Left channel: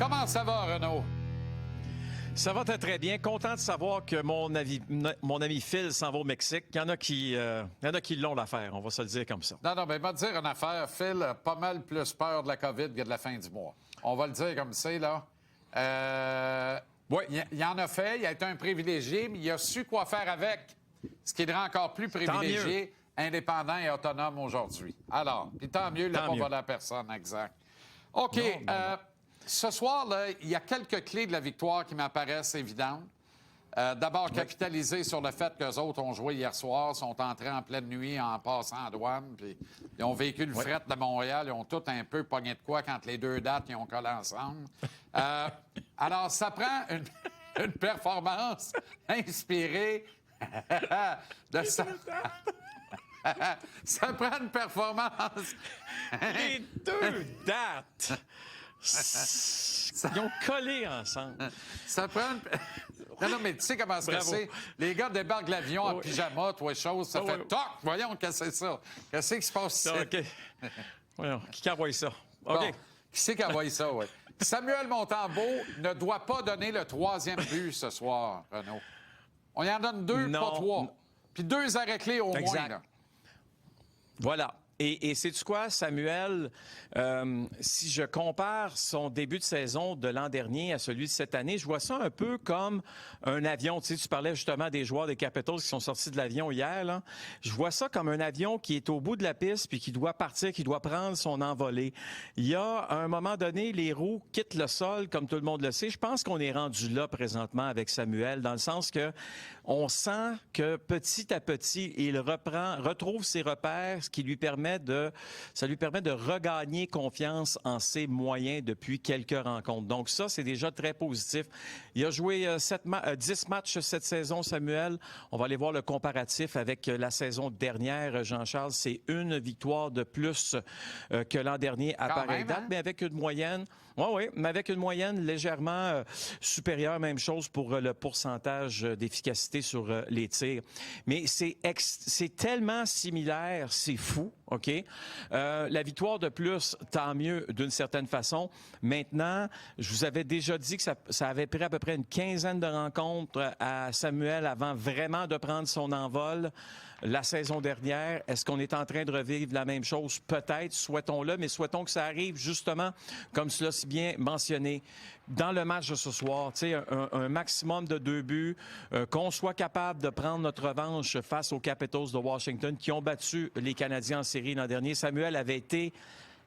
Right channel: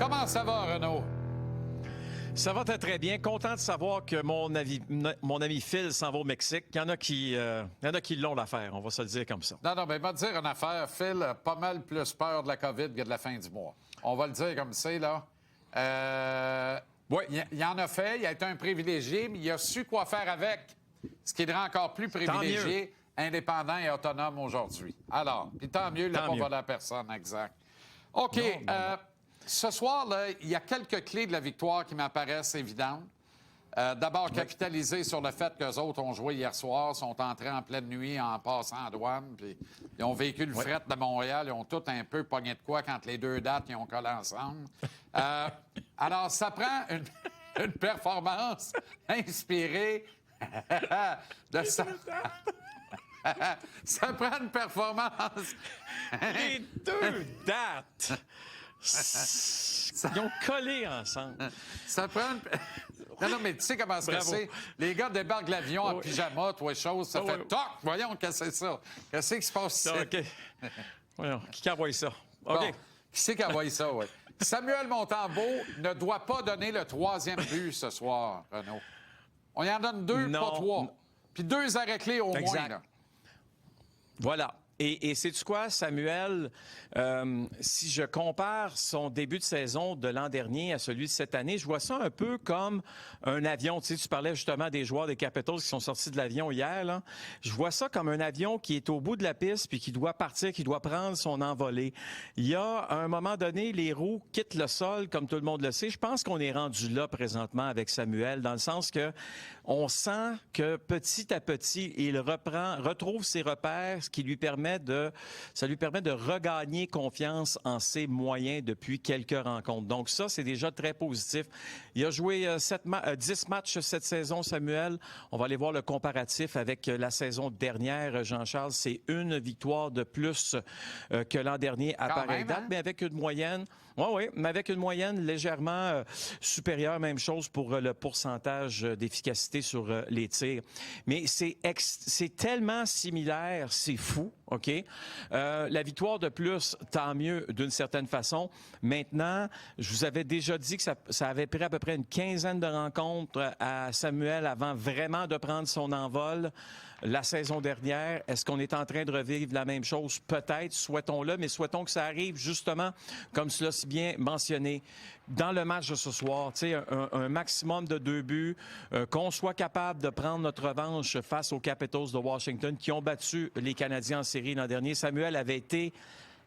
Comment ça va, Renaud? Ça va très bien. Content de savoir que mon ami Phil s'en va au Mexique. Il y en a qui l'ont l'affaire, on va se le dire comme ça. Non, mais va te dire une affaire. Phil a pas mal plus peur de la COVID que de la fin du mois. On va le dire comme c'est, là. Oui. Il en a fait, il a été un privilégié, mais il a su quoi faire avec. Ce qui le rend encore plus privilégié, indépendant et autonome aujourd'hui. Alors, puis tant mieux, il n'a pas volé à personne, exact. OK. Non. Ce soir, là, il y a quelques clés de la victoire qui m'apparaissent évidentes. D'abord, capitaliser sur le fait qu'eux autres ont joué hier soir, sont entrés en pleine nuit en passant en douane, puis ils ont vécu le fret de Montréal, ils ont tous un peu pogné de quoi quand les deux dates ils ont collé ensemble. Alors, ça prend une performance inspirée de ça. Ça prend une performance. Les deux dates. Ils ont collé ensemble. Ça prend une... Non, mais tu sais comment ça c'est. Les gars débarquent de l'avion en pyjama, toi, chose, ça fait toc! Voyons, qu'est-ce que c'est ça? Qu'est-ce qui se passe ici? OK. Voyons, qui a envoyé ça? OK. Bon, qui c'est qui a envoyé ça, oui? Samuel Montembeault ne doit pas donner le troisième but ce soir, Renaud. On y en donne deux, pas trois. Puis 2 arrêts-clés au moins, là. Voilà. Et sais-tu quoi, Samuel, si je compare son début de saison de l'an dernier à celui de cette année, je vois ça un peu comme un avion. Tu sais, tu parlais justement des joueurs des Capitals qui sont sortis de l'avion hier, là. Je vois ça comme un avion qui est au bout de la piste puis qui doit partir, qui doit prendre son envolée. Il y a, à un moment donné, les roues quittent le sol, comme tout le monde le sait. Je pense qu'on est rendu là présentement avec Samuel, dans le sens que on sent que petit à petit, il retrouve ses repères, ce qui lui permet ça lui permet de regagner confiance en ses moyens depuis quelques rencontres. Donc ça, c'est déjà très positif. Il a joué 10 matchs cette saison, Samuel. On va aller voir le comparatif avec la saison dernière, Jean-Charles. C'est une victoire de plus que l'an dernier à pareille date, mais avec une moyenne... Oui, mais avec une moyenne légèrement supérieure, même chose pour le pourcentage d'efficacité sur les tirs. Mais c'est tellement similaire, c'est fou, OK? La victoire de plus, tant mieux d'une certaine façon. Maintenant, je vous avais déjà dit que ça avait pris à peu près une quinzaine de rencontres à Samuel avant vraiment de prendre son envol la saison dernière. Est-ce qu'on est en train de revivre la même chose? Peut-être, souhaitons-le, mais souhaitons que ça arrive justement, comme cela si bien mentionné, dans le match de ce soir. Tu sais, un maximum de 2 buts, qu'on soit capable de prendre notre revanche face aux Capitals de Washington qui ont battu les Canadiens en série l'an dernier. Samuel avait été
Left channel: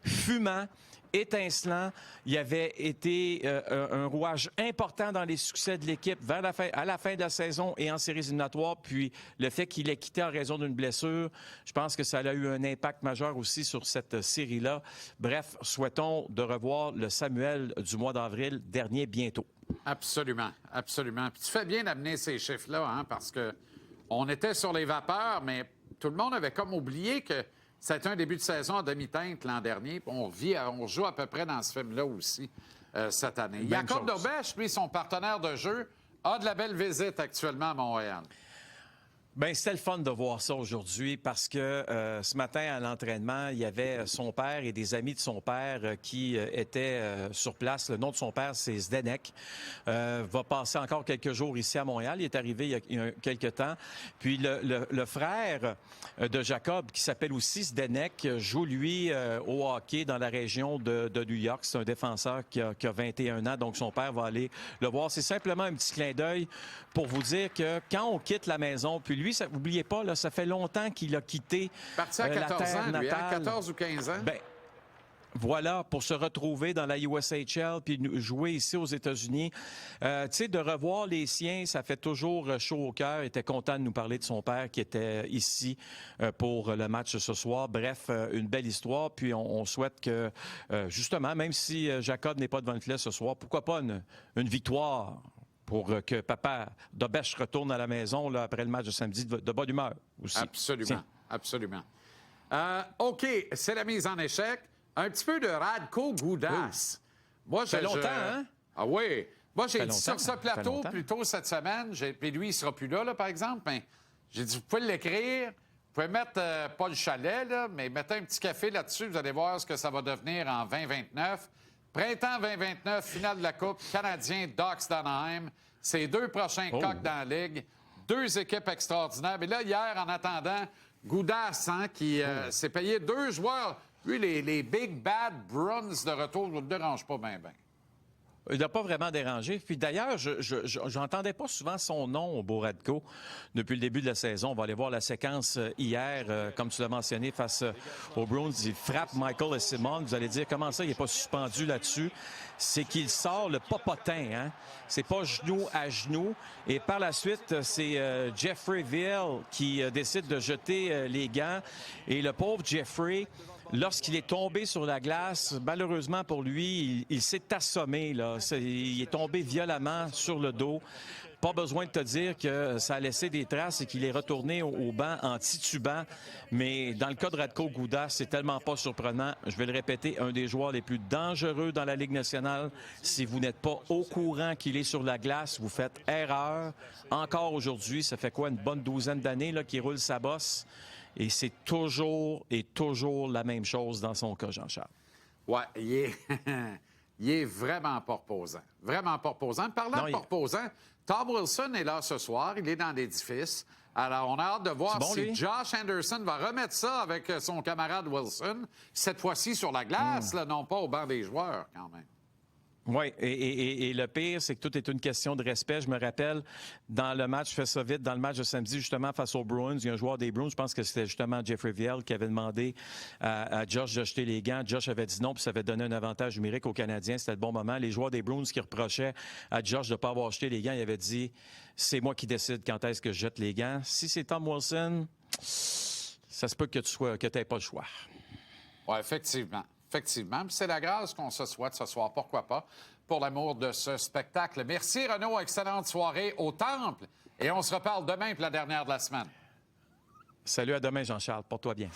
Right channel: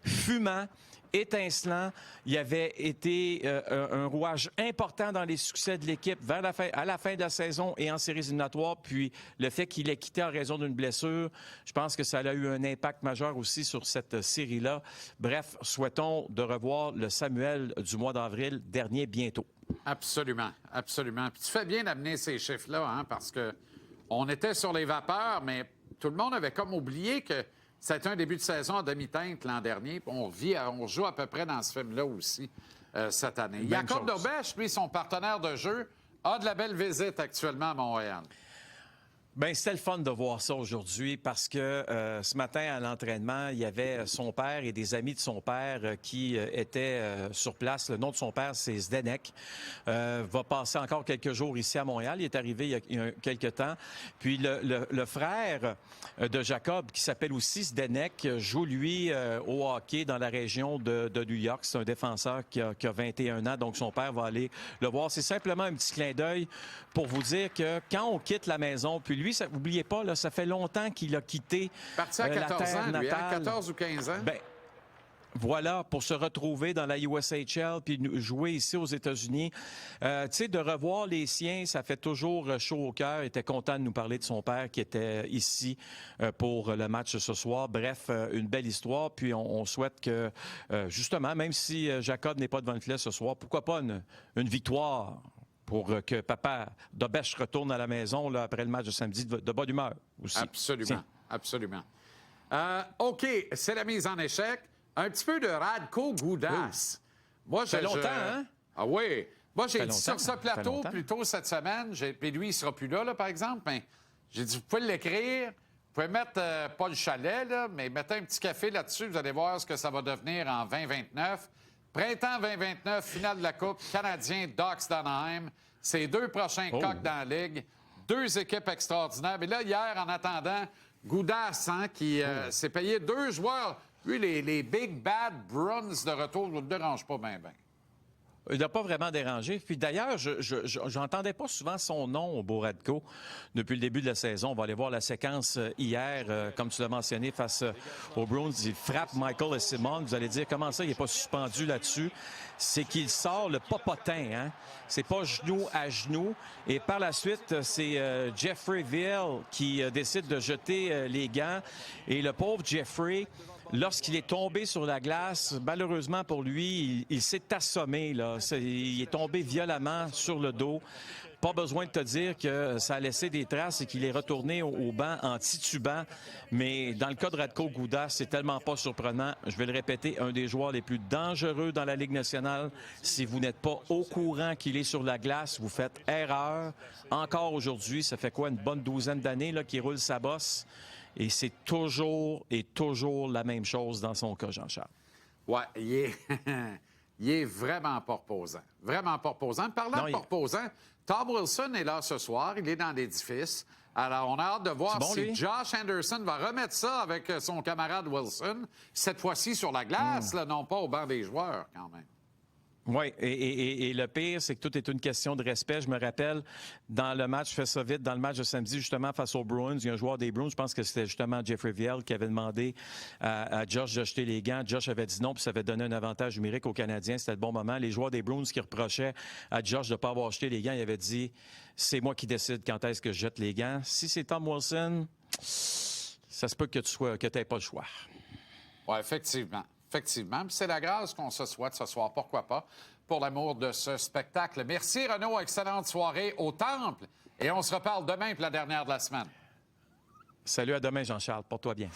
fumant, étincelant. Il avait été un rouage important dans les succès de l'équipe à la fin de la saison et en séries éliminatoires. Puis le fait qu'il ait quitté en raison d'une blessure, je pense que ça a eu un impact majeur aussi sur cette série-là. Bref, souhaitons de revoir le Samuel du mois d'avril dernier bientôt. Absolument, absolument. Puis tu fais bien d'amener ces chiffres-là, hein, parce que on était sur les vapeurs, mais tout le monde avait comme oublié que c'était un début de saison à demi-teinte l'an dernier. On joue à peu près dans ce film-là aussi cette année. Jacob Dobèche, lui, son partenaire de jeu, a de la belle visite actuellement à Montréal. Ben c'était le fun de voir ça aujourd'hui parce que ce matin à l'entraînement, il y avait son père et des amis de son père qui étaient sur place. Le nom de son père, c'est Zdenek. Va passer encore quelques jours ici à Montréal. Il est arrivé il y a quelques temps. Puis le frère de Jacob, qui s'appelle aussi Zdenek, joue lui au hockey dans la région de New York. C'est un défenseur qui a 21 ans, donc son père va aller le voir. C'est simplement un petit clin d'œil pour vous dire que quand on quitte la maison, puis lui, n'oubliez pas, là, ça fait longtemps qu'il a quitté parti à 14 la terre ans, lui, natale. 14 ou 15 ans. Ben, voilà, pour se retrouver dans la USHL puis jouer ici aux États-Unis. Tu sais, de revoir les siens, ça fait toujours chaud au cœur. Il était content de nous parler de son père qui était ici pour le match ce soir. Bref, une belle histoire. Puis on souhaite que, justement, même si Jacob n'est pas devant le filet ce soir, pourquoi pas une victoire pour que papa Dobèche retourne à la maison là, après le match de samedi de bonne humeur aussi. Absolument, Tiens. absolument. OK, c'est la mise en échec. Un petit peu de Radko Gudas. Oui. Moi, ça fait longtemps, hein? Ah oui. Moi, j'ai dit sur ce Ça plateau fait plus tôt cette semaine, puis lui, il sera plus là, par exemple, mais j'ai dit, vous pouvez l'écrire, vous pouvez mettre, pas le chalet, là, mais mettez un petit café là-dessus, vous allez voir ce que ça va devenir en 2029. Printemps 2029, finale de la Coupe, Canadien, Ducks d'Anaheim. C'est 2 prochains coqs dans la Ligue. 2 équipes extraordinaires. Mais là, hier, en attendant, Goudas, qui s'est payé 2 joueurs. Lui, les Big Bad Bruins de retour ne le dérangent pas bien. Il n'a pas vraiment dérangé. Puis d'ailleurs, je n'entendais pas souvent son nom au Boradko depuis le début de la saison. On va aller voir la séquence hier, comme tu l'as mentionné, face aux Bruins. Il frappe Michael Simon. Vous allez dire, comment ça, il n'est pas suspendu là-dessus? C'est qu'il sort le popotin, hein? C'est pas genou à genou. Et par la suite, c'est Jeffrey Viel qui décide de jeter les gants. Et le pauvre Jeffrey, lorsqu'il est tombé sur la glace, malheureusement pour lui, il s'est assommé, là. Il est tombé violemment sur le dos. Pas besoin de te dire que ça a laissé des traces et qu'il est retourné au banc en titubant. Mais dans le cas de Radko Gudas, c'est tellement pas surprenant. Je vais le répéter, un des joueurs les plus dangereux dans la Ligue nationale. Si vous n'êtes pas au courant qu'il est sur la glace, vous faites erreur. Encore aujourd'hui, ça fait quoi, une bonne douzaine d'années là, qu'il roule sa bosse. Et c'est toujours la même chose dans son cas, Jean-Charles. Oui, il est vraiment pas reposant. Vraiment pas reposant. Parlant de pas reposant, Tom Wilson est là ce soir. Il est dans l'édifice. Alors, on a hâte de voir si Josh Anderson va remettre ça avec son camarade Wilson, cette fois-ci sur la glace, là, non pas au banc des joueurs, quand même. Oui, et le pire, c'est que tout est une question de respect. Je me rappelle, dans le match, je fais ça vite, dans le match de samedi, justement, face aux Bruins, il y a un joueur des Bruins, je pense que c'était justement Jeffrey Viel, qui avait demandé à Josh de jeter les gants. Josh avait dit non, puis ça avait donné un avantage numérique aux Canadiens. C'était le bon moment. Les joueurs des Bruins qui reprochaient à Josh de ne pas avoir jeté les gants, il avait dit « C'est moi qui décide quand est-ce que je jette les gants. » Si c'est Tom Wilson, ça se peut que tu n'aies pas le choix. Oui, effectivement. Effectivement. C'est la grâce qu'on se souhaite ce soir. Pourquoi pas? Pour l'amour de ce spectacle. Merci, Renaud. Excellente soirée au Temple. Et on se reparle demain pour la dernière de la semaine. Salut, à demain, Jean-Charles. Porte-toi bien.